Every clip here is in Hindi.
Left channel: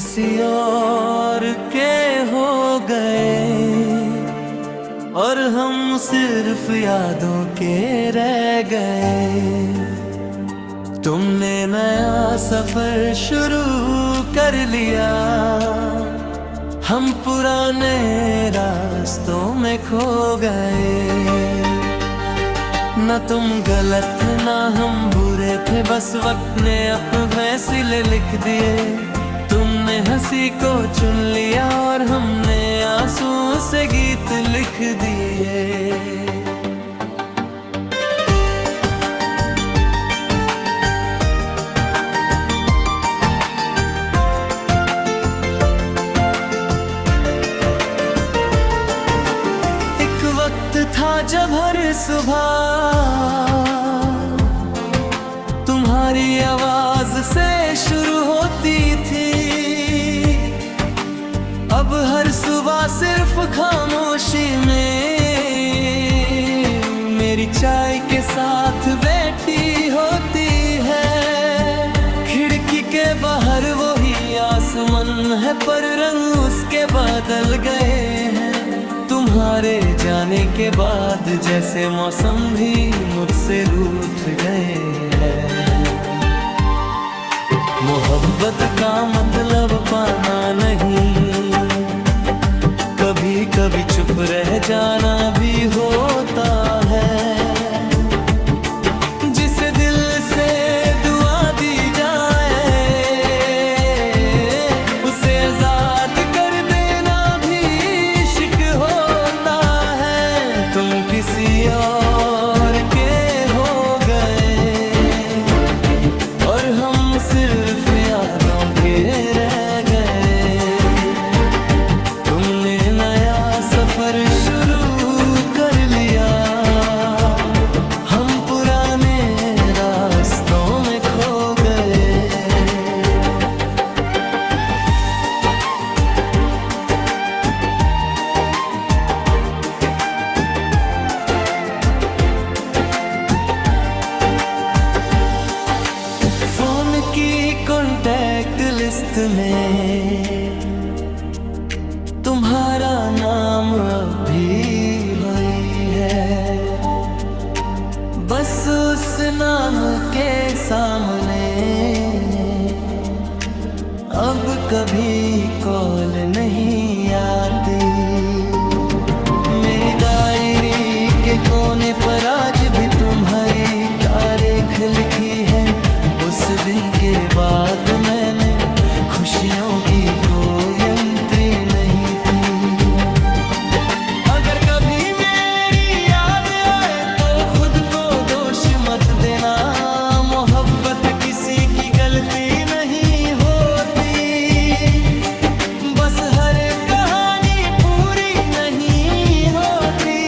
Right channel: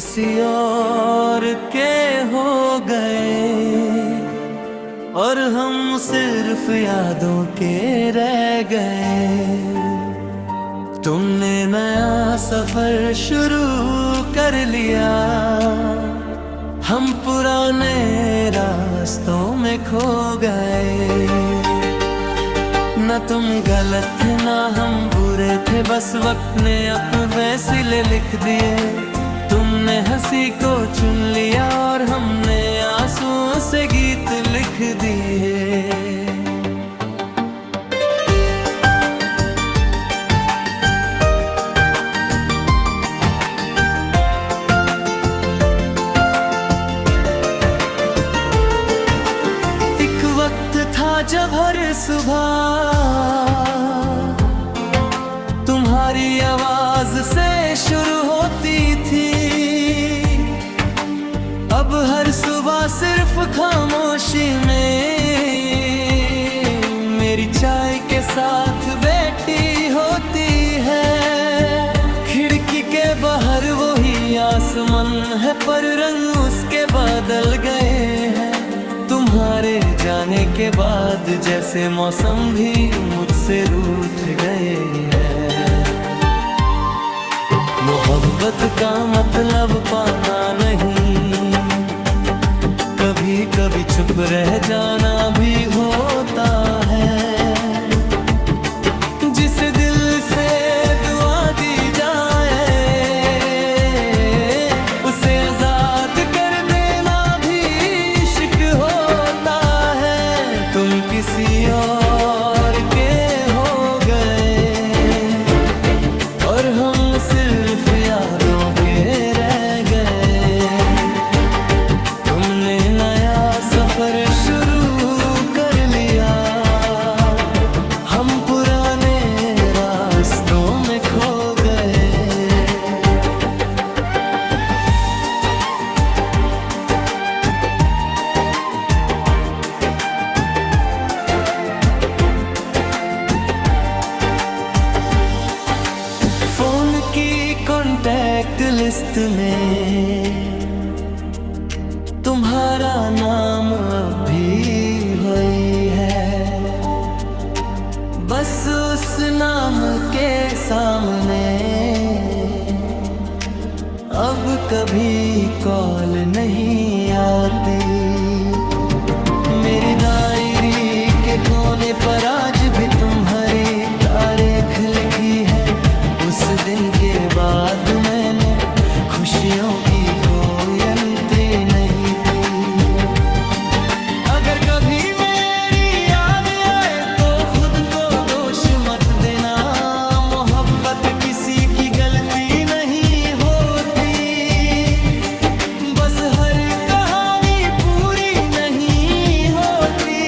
किसी और के हो गए और हम सिर्फ यादों के रह गए। तुमने नया सफर शुरू कर लिया, हम पुराने रास्तों में खो गए। न तुम गलत थे ना हम बुरे थे, बस वक्त ने अपने फैसले लिख दिए। तुमने हंसी को चुन लिया और हमने आंसुओं से गीत लिख दिए। एक वक्त था जब हर सुबह तुम्हारी आवाज से शुरू होती थी। अब हर सुबह सिर्फ खामोशी में मेरी चाय के साथ बैठी होती है। खिड़की के बाहर वही आसमान है, पर रंग उसके बदल गए हैं। तुम्हारे जाने के बाद जैसे मौसम भी मुझसे रूठ गए हैं। मोहब्बत का मतलब पाना नहीं, कभी कभी चुप रह जाना भी होता है। जिसे दिल से दुआ दी जाए उसे आजाद कर देना भी इश्क होता है। तुम किसी और के हो गए और हम सिर्फ यादों के रह गए। तुमने नया सफर शुरू कर लिया, हम पुराने रास्तों में खो गए। फोन की कॉन्टैक्ट लिस्ट में तुम्हारा नाम अभी वही है। बस उस नाम के सामने अब कभी कॉल नहीं आती। मेरी डायरी के कोने पर आज भी तुम्हारी तारीख लिखी है। उस दिन के बाद मैंने खुशियों की कोई एंट्री नहीं की। अगर कभी मेरी याद आए तो खुद को दोष मत देना। मोहब्बत किसी की गलती नहीं होती, बस हर कहानी पूरी नहीं होती।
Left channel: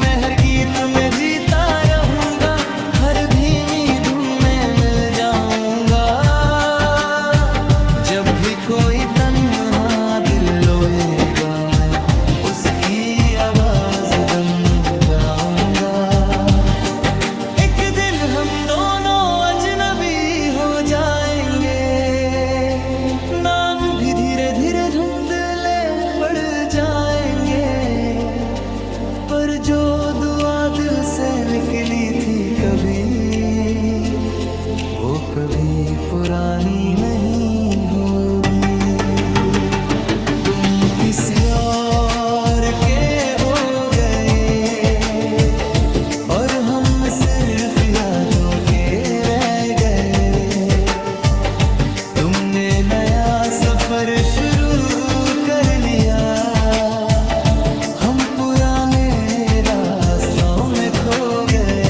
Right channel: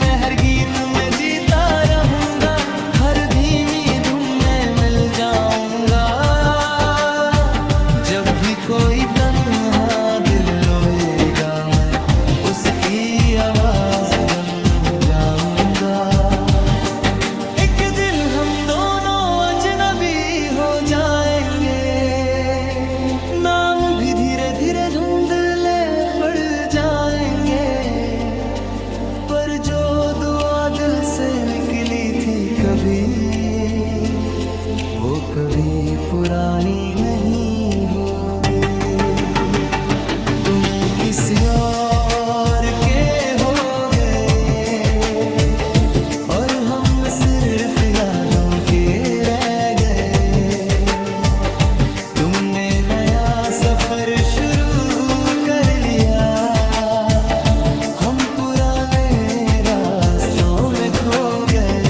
मैं हर गीत में जीता रहूंगा, हर धीमी धुन में मिल जाऊंगा। जब भी कोई तन्हा दिल रोएगा मैं उसकी आवाज बन जाऊंगा। एक दिन हम दोनों अजनबी हो जाएंगे, नाम भी धीरे धीरे धुंधले पड़ जाएंगे। पर जो दुआ दिल से निकली थी कभी, वो कभी पुरानी नहीं होगी। तुम किसी और के हो गए और हम सिर्फ यादों के रह गए। तुमने नया सफर शुरू कर लिया, हम पुराने रास्तों में खो गए।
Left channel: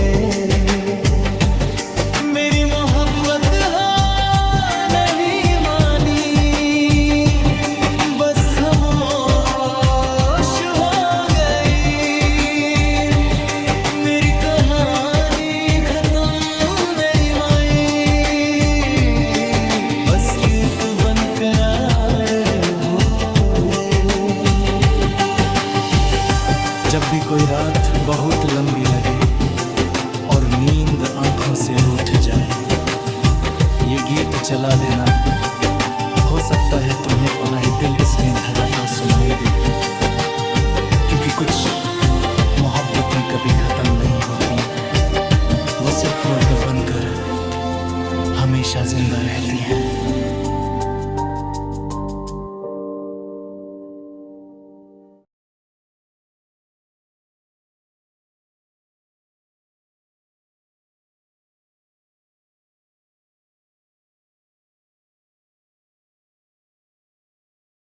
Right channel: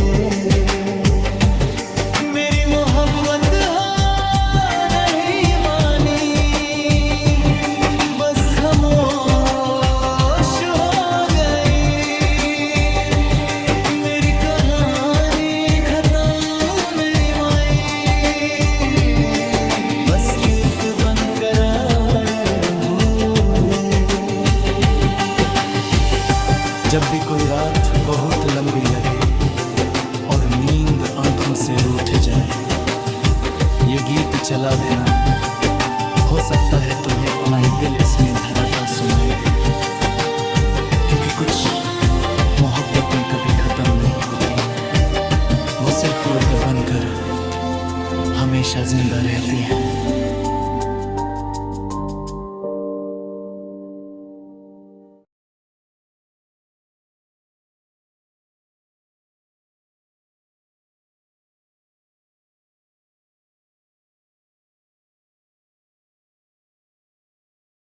मेरी मोहब्बत हाँ नहीं मानी, बस खामोश हो गई। मेरी कहानी खत्म नहीं हुई, बस गीत बनकर हो गए। जब भी कोई रात बहुत लंबी लगे और नींद आंखों से रूठ जाए, ये गीत चला देना, हो सकता है तुम्हें अपना ही दिल इसमें धड़कता सुनाई दे, क्योंकि कुछ मोहब्बतें कभी खत्म नहीं होती, वो सिर्फ लोग बनकर हमेशा जिंदा रहती हैं।